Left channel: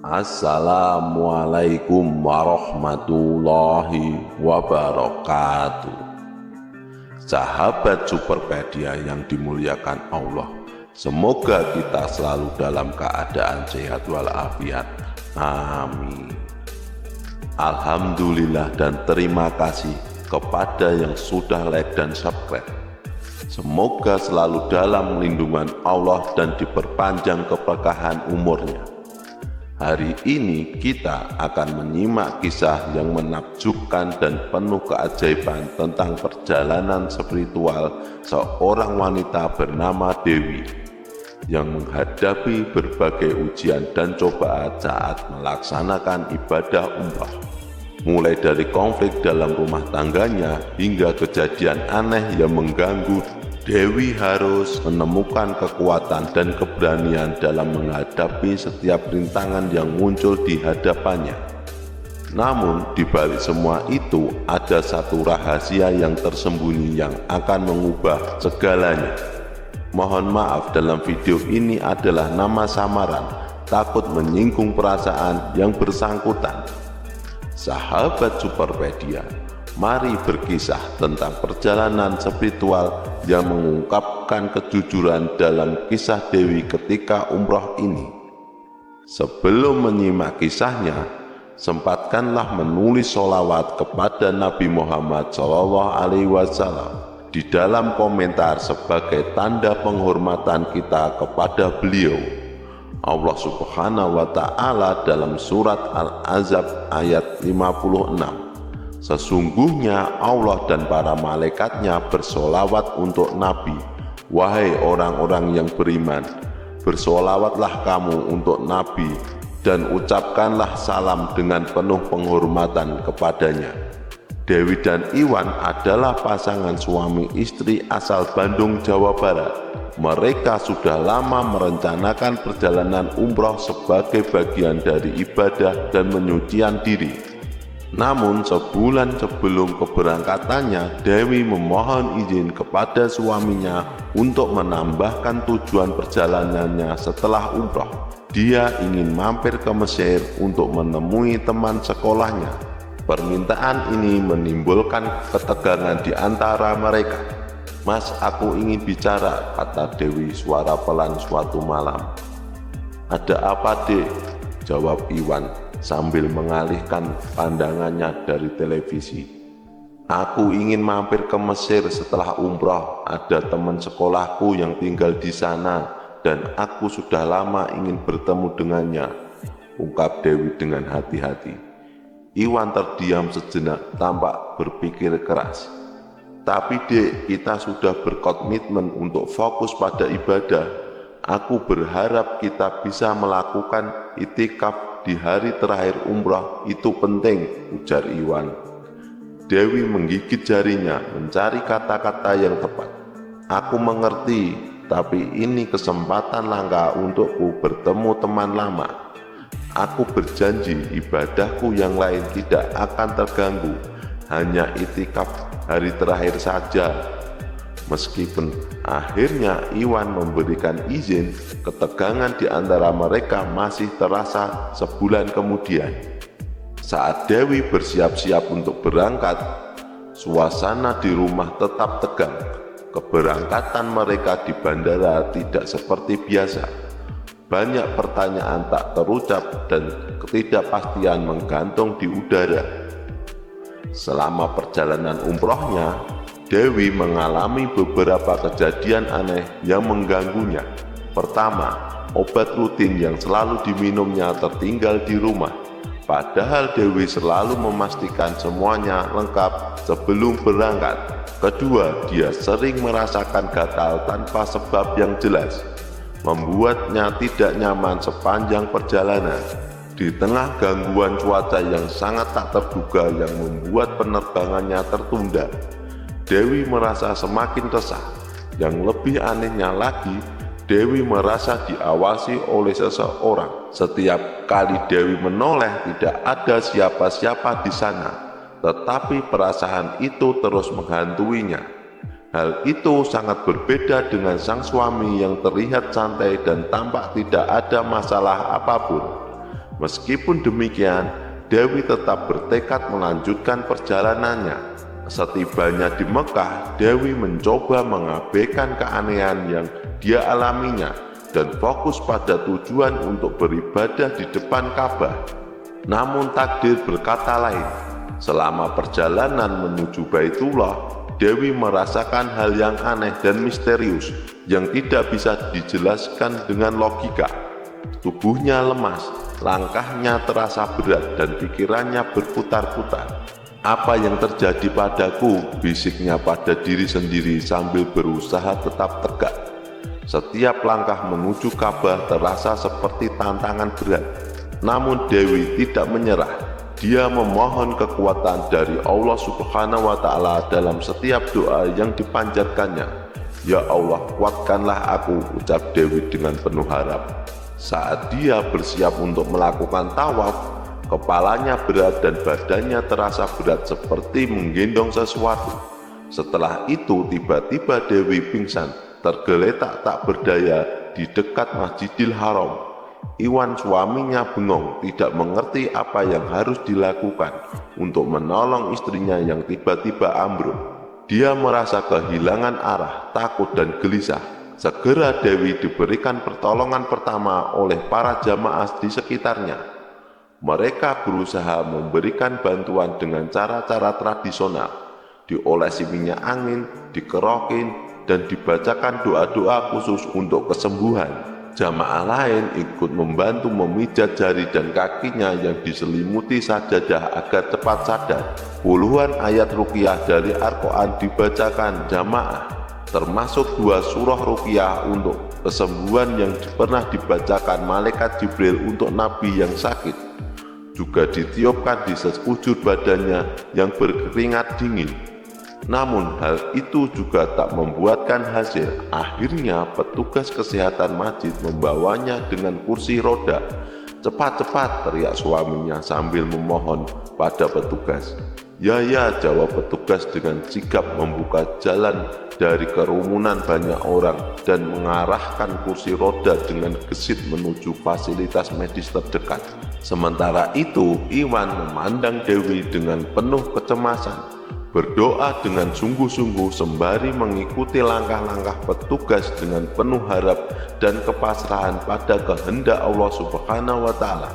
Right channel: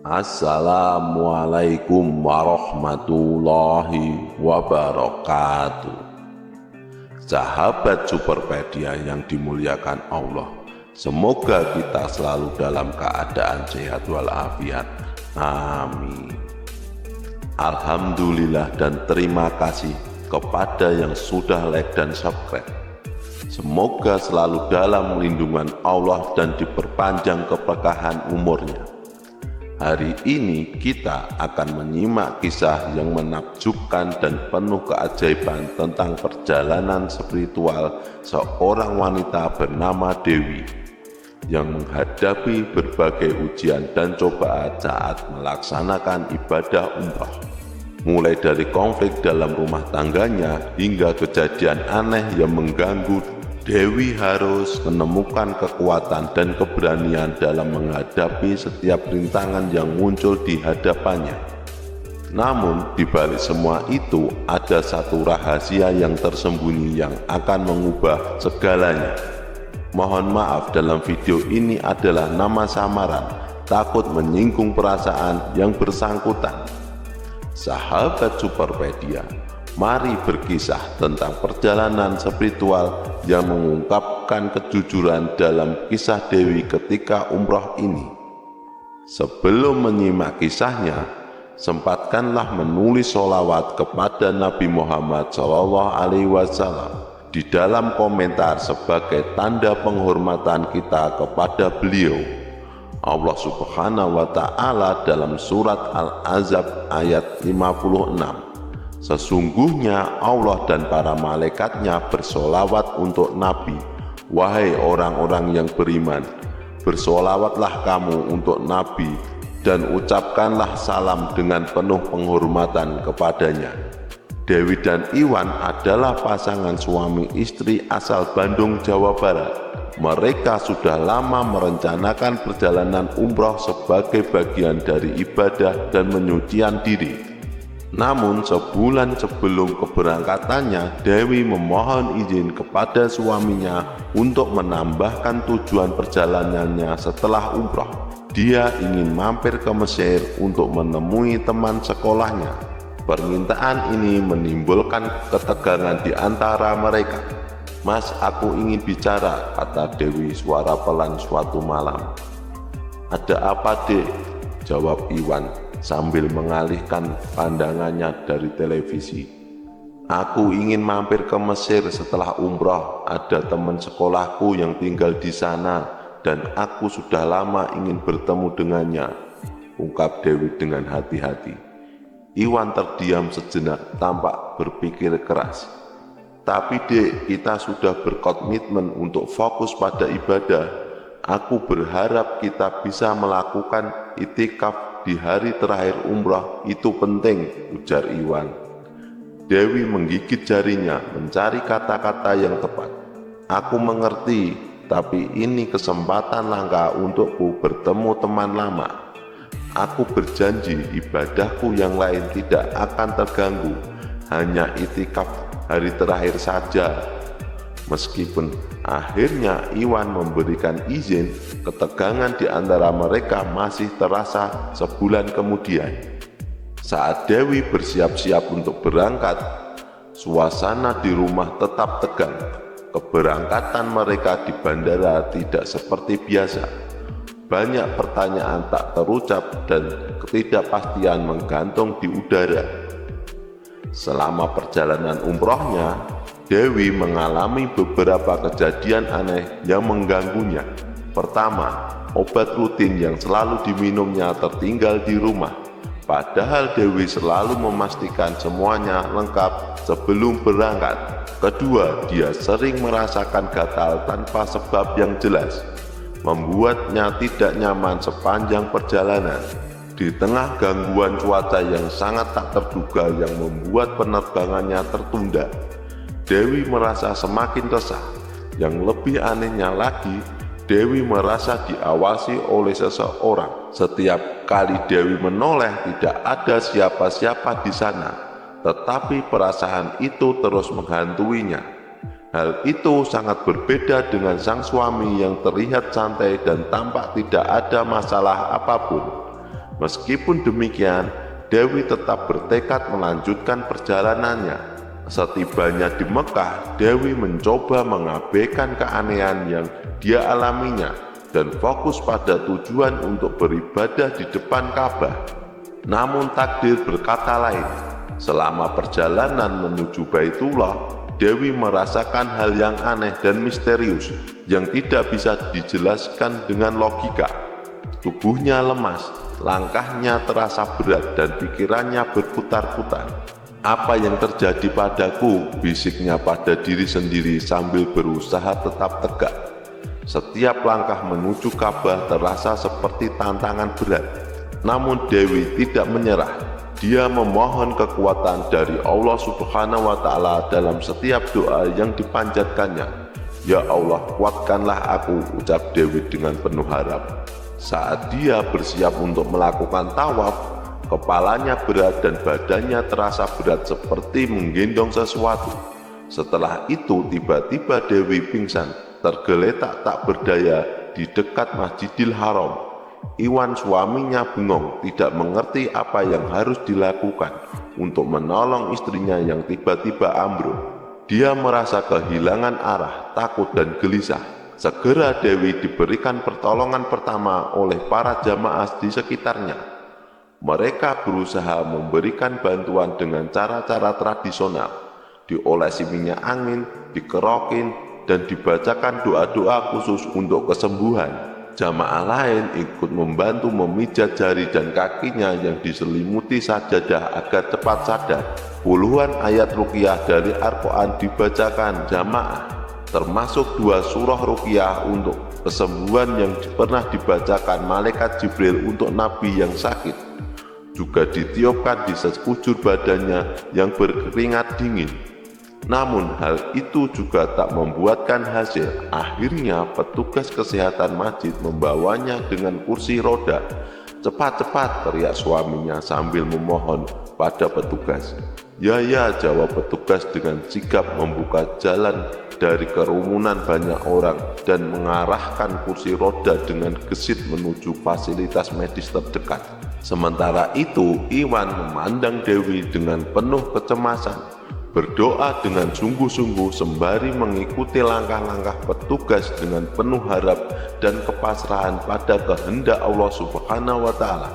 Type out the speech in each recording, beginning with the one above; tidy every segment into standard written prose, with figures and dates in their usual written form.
Assalamualaikum warahmatullahi wabarakatuh. Sahabat Superpedia yang dimuliakan Allah, semoga kita selalu dalam keadaan sehat walafiat. Amin. Alhamdulillah dan terima kasih kepada yang sudah like dan subscribe. Semoga selalu dalam lindungan Allah dan diperpanjang keberkahan umurnya. Hari ini kita akan menyimak kisah yang menakjubkan dan penuh keajaiban tentang perjalanan spiritual seorang wanita bernama Dewi yang menghadapi berbagai ujian dan cobaan saat melaksanakan ibadah umrah. Mulai dari konflik dalam rumah tangganya hingga kejadian aneh yang mengganggu, Dewi harus menemukan kekuatan dan keberanian dalam menghadapi setiap rintangan yang muncul di hadapannya. Namun, di balik semua itu, ada satu rahasia yang tersembunyi yang akan mengubah segalanya. Mohon maaf, dalam video ini adalah nama samaran, takut menyinggung perasaan yang bersangkutan. Sahabat Superpedia, mari berkisah tentang perjalanan spiritual yang mengungkapkan kejujuran dalam kisah Dewi ketika umroh ini. Sebelum menyimak kisahnya, sempatkanlah menulis sholawat kepada Nabi Muhammad SAW di dalam komentar sebagai tanda penghormatan kita kepada beliau. Allah Subhanahu wa Ta'ala dalam surat Al-Ahzab ayat 56, sesungguhnya Allah dan para malaikatnya bersolawat untuk Nabi. Wahai orang-orang yang beriman, bersolawatlah kamu untuk Nabi dan ucapkanlah salam dengan penuh penghormatan kepadanya. Dewi dan Iwan adalah pasangan suami istri asal Bandung, Jawa Barat. Mereka sudah lama merencanakan perjalanan umroh sebagai bagian dari ibadah dan penyucian diri. Namun sebulan sebelum keberangkatannya, Dewi memohon izin kepada suaminya untuk menambahkan tujuan perjalanannya setelah umroh. Dia ingin mampir ke Mesir untuk menemui teman sekolahnya. Permintaan ini menimbulkan ketegangan di antara mereka. Mas, aku ingin bicara, kata Dewi suara pelan suatu malam. Ada apa, Dek? Jawab Iwan sambil mengalihkan pandangannya dari televisi. Aku ingin mampir ke Mesir setelah umroh. Ada teman sekolahku yang tinggal di sana dan aku sudah lama ingin bertemu dengannya, ungkap Dewi dengan hati-hati. Iwan terdiam sejenak, tampak berpikir keras. Tapi Dek, kita sudah berkomitmen untuk fokus pada ibadah. Aku berharap kita bisa melakukan itikaf di hari terakhir umrah, itu penting, ujar Iwan. Dewi menggigit jarinya, mencari kata-kata yang tepat. Aku mengerti, tapi ini kesempatan langka untukku bertemu teman lama. Aku berjanji ibadahku yang lain tidak akan terganggu, hanya itikaf hari terakhir saja. Meskipun akhirnya Iwan memberikan izin, ketegangan di antara mereka masih terasa sebulan kemudian. Saat Dewi bersiap-siap untuk berangkat, suasana di rumah tetap tegang. Keberangkatan mereka di bandara tidak seperti biasa. Banyak pertanyaan tak terucap dan ketidakpastian menggantung di udara. Selama perjalanan umrohnya, Dewi mengalami beberapa kejadian aneh yang mengganggunya. Pertama, obat rutin yang selalu diminumnya tertinggal di rumah. Padahal Dewi selalu memastikan semuanya lengkap sebelum berangkat. Kedua, dia sering merasakan gatal tanpa sebab yang jelas, membuatnya tidak nyaman sepanjang perjalanan. Di tengah gangguan cuaca yang sangat tak terduga yang membuat penerbangannya tertunda, Dewi merasa semakin resah. Yang lebih anehnya lagi, Dewi merasa diawasi oleh seseorang. Setiap kali Dewi menoleh, tidak ada siapa-siapa di sana, tetapi perasaan itu terus menghantuinya. Hal itu sangat berbeda dengan sang suami yang terlihat santai dan tampak tidak ada masalah apapun. Meskipun demikian, Dewi tetap bertekad melanjutkan perjalanannya. Setibanya di Mekah, Dewi mencoba mengabaikan keanehan yang dia alaminya dan fokus pada tujuan untuk beribadah di depan Ka'bah. Namun takdir berkata lain. Selama perjalanan menuju Baitullah, Dewi merasakan hal yang aneh dan misterius yang tidak bisa dijelaskan dengan logika. Tubuhnya lemas, langkahnya terasa berat dan pikirannya berputar-putar. "Apa yang terjadi padaku?" bisiknya pada diri sendiri sambil berusaha tetap tegak. Setiap langkah menuju Ka'bah terasa seperti tantangan berat. Namun Dewi tidak menyerah. Dia memohon kekuatan dari Allah Subhanahu wa Ta'ala dalam setiap doa yang dipanjatkannya. "Ya Allah, kuatkanlah aku," ucap Dewi dengan penuh harap. Saat dia bersiap untuk melakukan tawaf, kepalanya berat dan badannya terasa berat seperti menggendong sesuatu. Setelah itu tiba-tiba Dewi pingsan, tergeletak tak berdaya di dekat Masjidil Haram. Iwan, suaminya, bengong, tidak mengerti apa yang harus dilakukan untuk menolong istrinya yang tiba-tiba ambruk. Dia merasa kehilangan arah, takut dan gelisah. Segera Dewi diberikan pertolongan pertama oleh para jamaah di sekitarnya. Mereka berusaha memberikan bantuan dengan cara-cara tradisional, diolesi minyak angin, dikerokin, dan dibacakan doa-doa khusus untuk kesembuhan. Jamaah lain ikut membantu memijat jari dan kakinya yang diselimuti sajadah agar cepat sadar. Puluhan ayat ruqyah dari Al-Quran dibacakan jamaah, termasuk 2 surah ruqyah untuk kesembuhan yang pernah dibacakan malaikat Jibril untuk Nabi yang sakit. Juga ditiupkan di sekujur badannya yang berkeringat dingin. Namun hal itu juga tak membuahkan hasil. Akhirnya petugas kesehatan masjid membawanya dengan kursi roda. "Cepat-cepat," teriak suaminya sambil memohon pada petugas. "Ya, ya," jawab petugas dengan sigap membuka jalan dari kerumunan banyak orang dan mengarahkan kursi roda dengan gesit menuju fasilitas medis terdekat. Sementara itu, Iwan memandang Dewi dengan penuh kecemasan, berdoa dengan sungguh-sungguh sembari mengikuti langkah-langkah petugas dengan penuh harap dan kepasrahan pada kehendak Allah Subhanahu wa Ta'ala.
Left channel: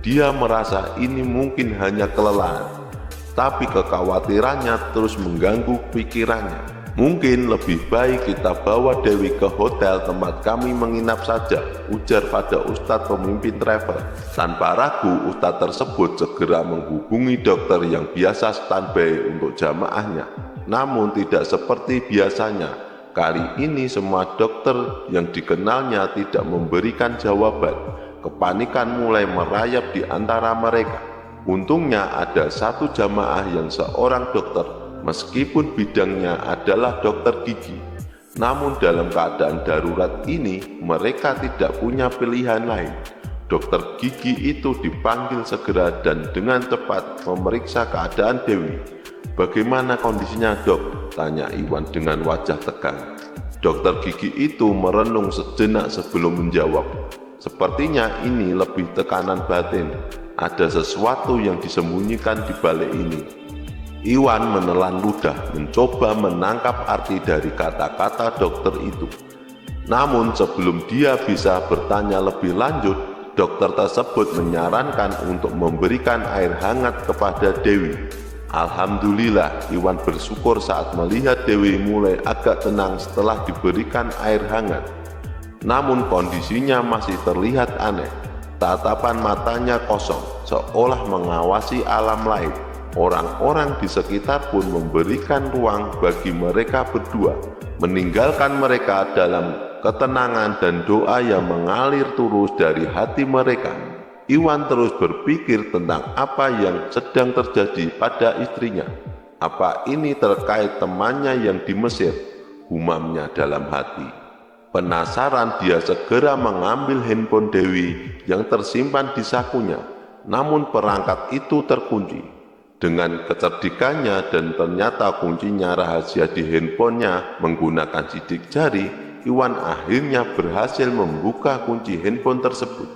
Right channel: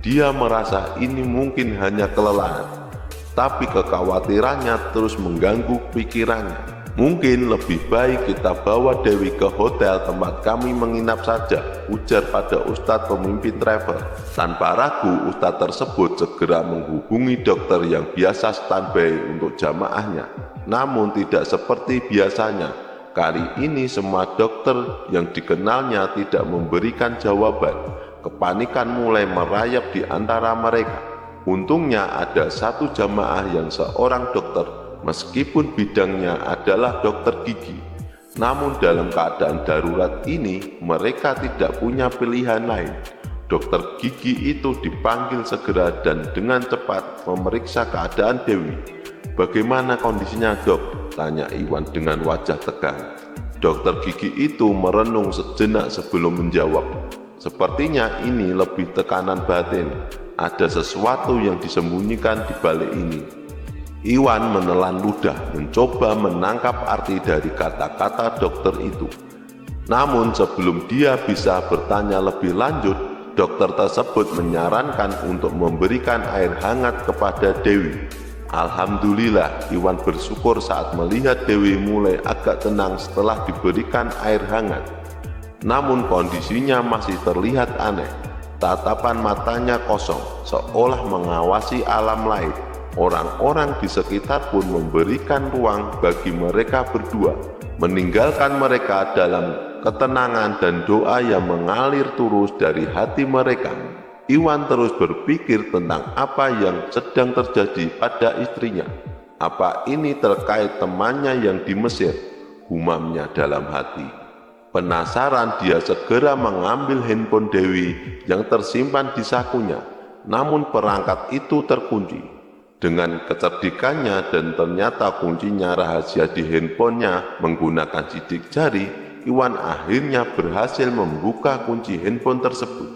Dia merasa ini mungkin hanya kelelahan, tapi kekhawatirannya terus mengganggu pikirannya. "Mungkin lebih baik kita bawa Dewi ke hotel tempat kami menginap saja," ujar pada Ustadz pemimpin travel. Tanpa ragu, Ustadz tersebut segera menghubungi dokter yang biasa standby untuk jamaahnya. Namun tidak seperti biasanya. Kali ini semua dokter yang dikenalnya tidak memberikan jawaban. Kepanikan mulai merayap di antara mereka. Untungnya ada satu jamaah yang seorang dokter, meskipun bidangnya adalah dokter gigi. Namun dalam keadaan darurat ini, mereka tidak punya pilihan lain. Dokter gigi itu dipanggil segera dan dengan cepat memeriksa keadaan Dewi. "Bagaimana kondisinya, Dok?" tanya Iwan dengan wajah tegang. Dokter gigi itu merenung sejenak sebelum menjawab. "Sepertinya ini lebih tekanan batin. Ada sesuatu yang disembunyikan di balik ini." Iwan menelan ludah, mencoba menangkap arti dari kata-kata dokter itu. Namun sebelum dia bisa bertanya lebih lanjut, dokter tersebut menyarankan untuk memberikan air hangat kepada Dewi. Alhamdulillah, Iwan bersyukur saat melihat Dewi mulai agak tenang setelah diberikan air hangat. Namun kondisinya masih terlihat aneh. Tatapan matanya kosong, seolah mengawasi alam lain. Orang-orang di sekitar pun memberikan ruang bagi mereka berdua, meninggalkan mereka dalam ketenangan dan doa yang mengalir terus dari hati mereka. Iwan terus berpikir tentang apa yang sedang terjadi pada istrinya. Apa ini terkait temannya yang di Mesir? Gumamnya dalam hati. Penasaran, dia segera mengambil handphone Dewi yang tersimpan di sakunya. Namun perangkat itu terkunci. Dengan kecerdikannya dan ternyata kuncinya rahasia di handphonenya menggunakan sidik jari, Iwan akhirnya berhasil membuka kunci handphone tersebut.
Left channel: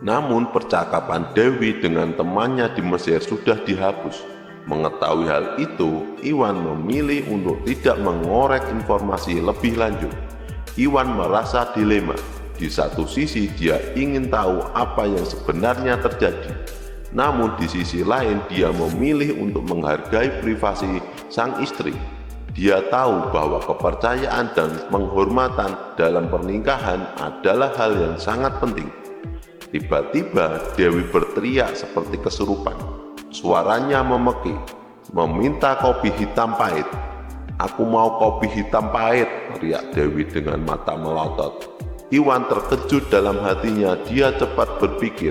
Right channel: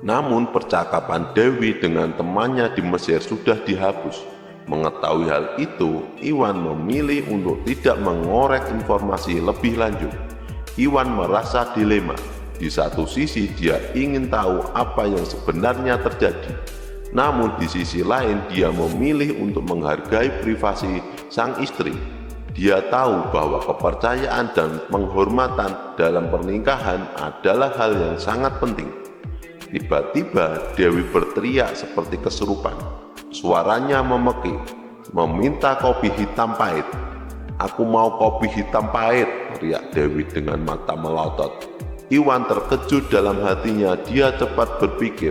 Namun percakapan Dewi dengan temannya di Mesir sudah dihapus. Mengetahui hal itu, Iwan memilih untuk tidak mengorek informasi lebih lanjut. Iwan merasa dilema. Di satu sisi dia ingin tahu apa yang sebenarnya terjadi. Namun di sisi lain dia memilih untuk menghargai privasi sang istri. Dia tahu bahwa kepercayaan dan penghormatan dalam pernikahan adalah hal yang sangat penting. Tiba-tiba Dewi berteriak seperti kesurupan. Suaranya memekik, meminta kopi hitam pahit. "Aku mau kopi hitam pahit," teriak Dewi dengan mata melotot. Iwan terkejut dalam hatinya. Dia cepat berpikir,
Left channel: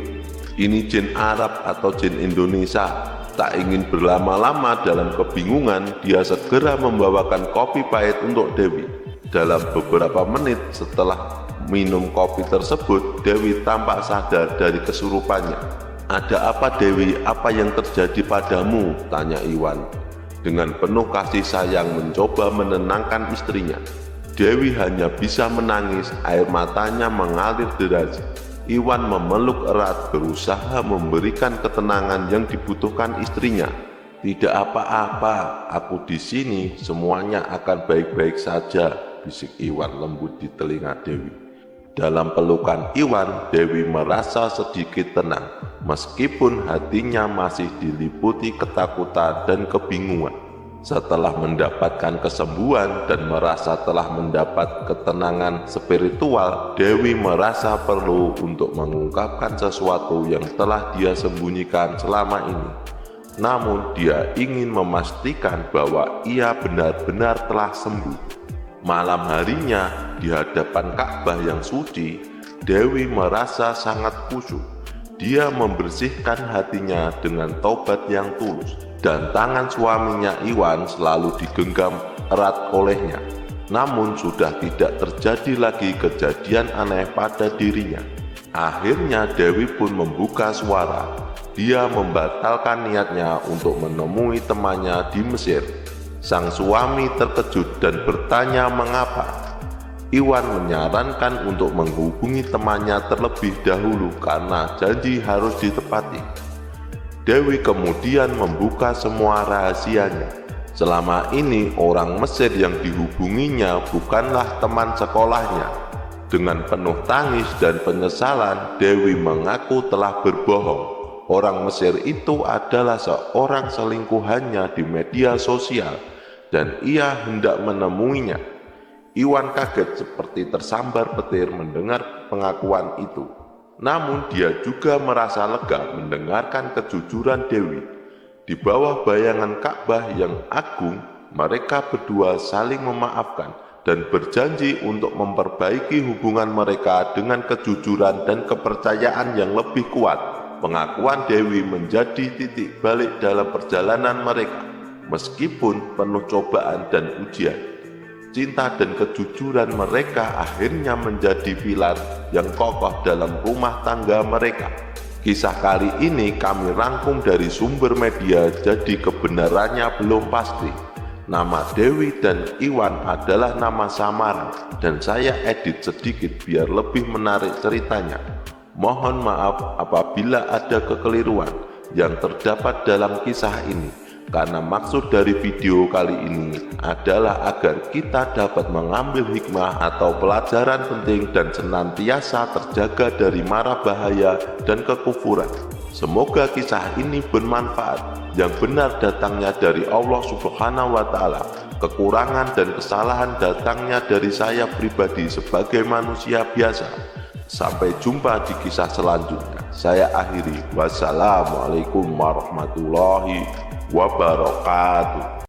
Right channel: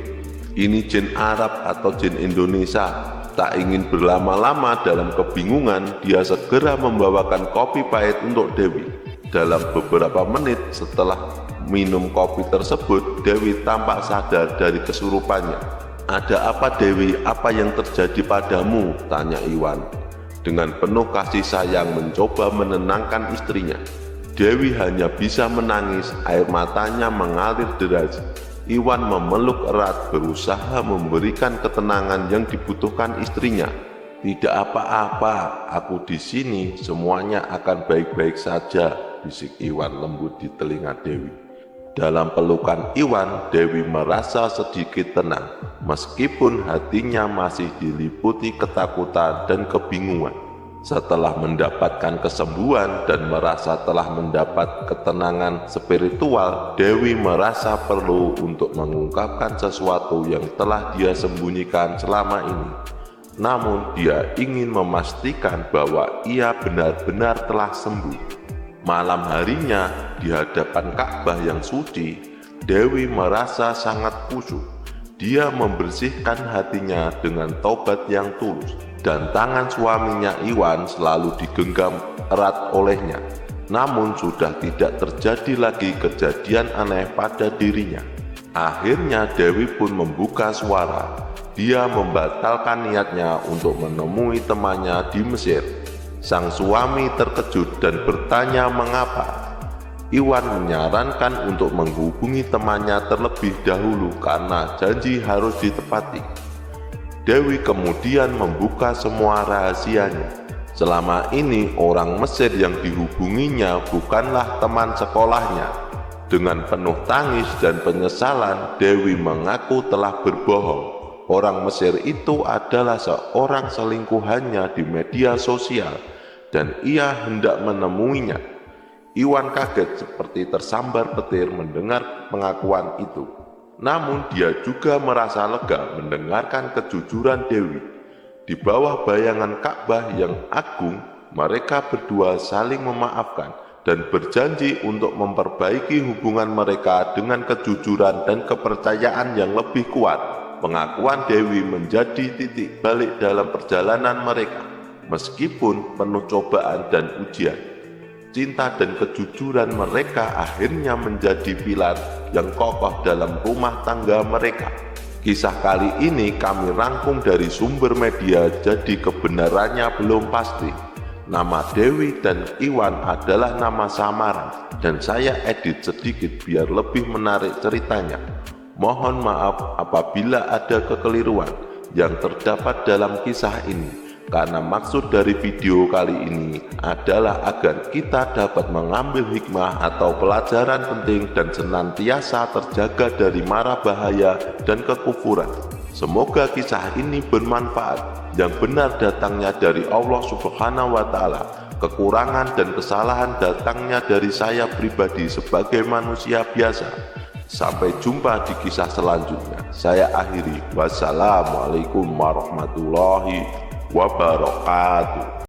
ini jin Arab atau jin Indonesia. Tak ingin berlama-lama dalam kebingungan, dia segera membawakan kopi pahit untuk Dewi. Dalam beberapa menit setelah minum kopi tersebut, Dewi tampak sadar dari kesurupannya. "Ada apa Dewi? Apa yang terjadi padamu?" tanya Iwan. Dengan penuh kasih sayang mencoba menenangkan istrinya. Dewi hanya bisa menangis, air matanya mengalir deras. Iwan memeluk erat, berusaha memberikan ketenangan yang dibutuhkan istrinya. "Tidak apa-apa, aku di sini, semuanya akan baik-baik saja," bisik Iwan lembut di telinga Dewi. Dalam pelukan Iwan, Dewi merasa sedikit tenang, meskipun hatinya masih diliputi ketakutan dan kebingungan. Setelah mendapatkan kesembuhan dan merasa telah mendapat ketenangan spiritual, Dewi merasa perlu untuk mengungkapkan sesuatu yang telah dia sembunyikan selama ini. Namun dia ingin memastikan bahwa ia benar-benar telah sembuh. Malam harinya, di hadapan Ka'bah yang suci, Dewi merasa sangat khusyuk. Dia membersihkan hatinya dengan taubat yang tulus, dan tangan suaminya Iwan selalu digenggam erat olehnya. Namun sudah tidak terjadi lagi kejadian aneh pada dirinya. Akhirnya Dewi pun membuka suara. Dia membatalkan niatnya untuk menemui temannya di Mesir. Sang suami terkejut dan bertanya mengapa. Iwan menyarankan untuk menghubungi temannya terlebih dahulu karena janji harus ditepati. Dewi kemudian membuka semua rahasianya. Selama ini orang Mesir yang dihubunginya bukanlah teman sekolahnya. Dengan penuh tangis dan penyesalan, Dewi mengaku telah berbohong. Orang Mesir itu adalah seorang selingkuhannya di media sosial dan ia hendak menemuinya. Iwan kaget seperti tersambar petir mendengar pengakuan itu. Namun dia juga merasa lega mendengarkan kejujuran Dewi. Di bawah bayangan Ka'bah yang agung, mereka berdua saling memaafkan dan berjanji untuk memperbaiki hubungan mereka dengan kejujuran dan kepercayaan yang lebih kuat. Pengakuan Dewi menjadi titik balik dalam perjalanan mereka. Meskipun penuh cobaan dan ujian, cinta dan kejujuran mereka akhirnya menjadi pilar yang kokoh dalam rumah tangga mereka. Kisah kali ini kami rangkum dari sumber media, jadi kebenarannya belum pasti. Nama Dewi dan Iwan adalah nama samaran dan saya edit sedikit biar lebih menarik ceritanya. Mohon maaf apabila ada kekeliruan yang terdapat dalam kisah ini, karena maksud dari video kali ini adalah agar kita dapat mengambil hikmah atau pelajaran penting dan senantiasa terjaga dari mara bahaya dan kekufuran. Semoga kisah ini bermanfaat. Yang benar datangnya dari Allah Subhanahu wa Ta'ala. Kekurangan dan kesalahan datangnya dari saya pribadi sebagai manusia biasa. Sampai jumpa di kisah selanjutnya. Saya akhiri. Wassalamualaikum warahmatullahi wabarakatuh.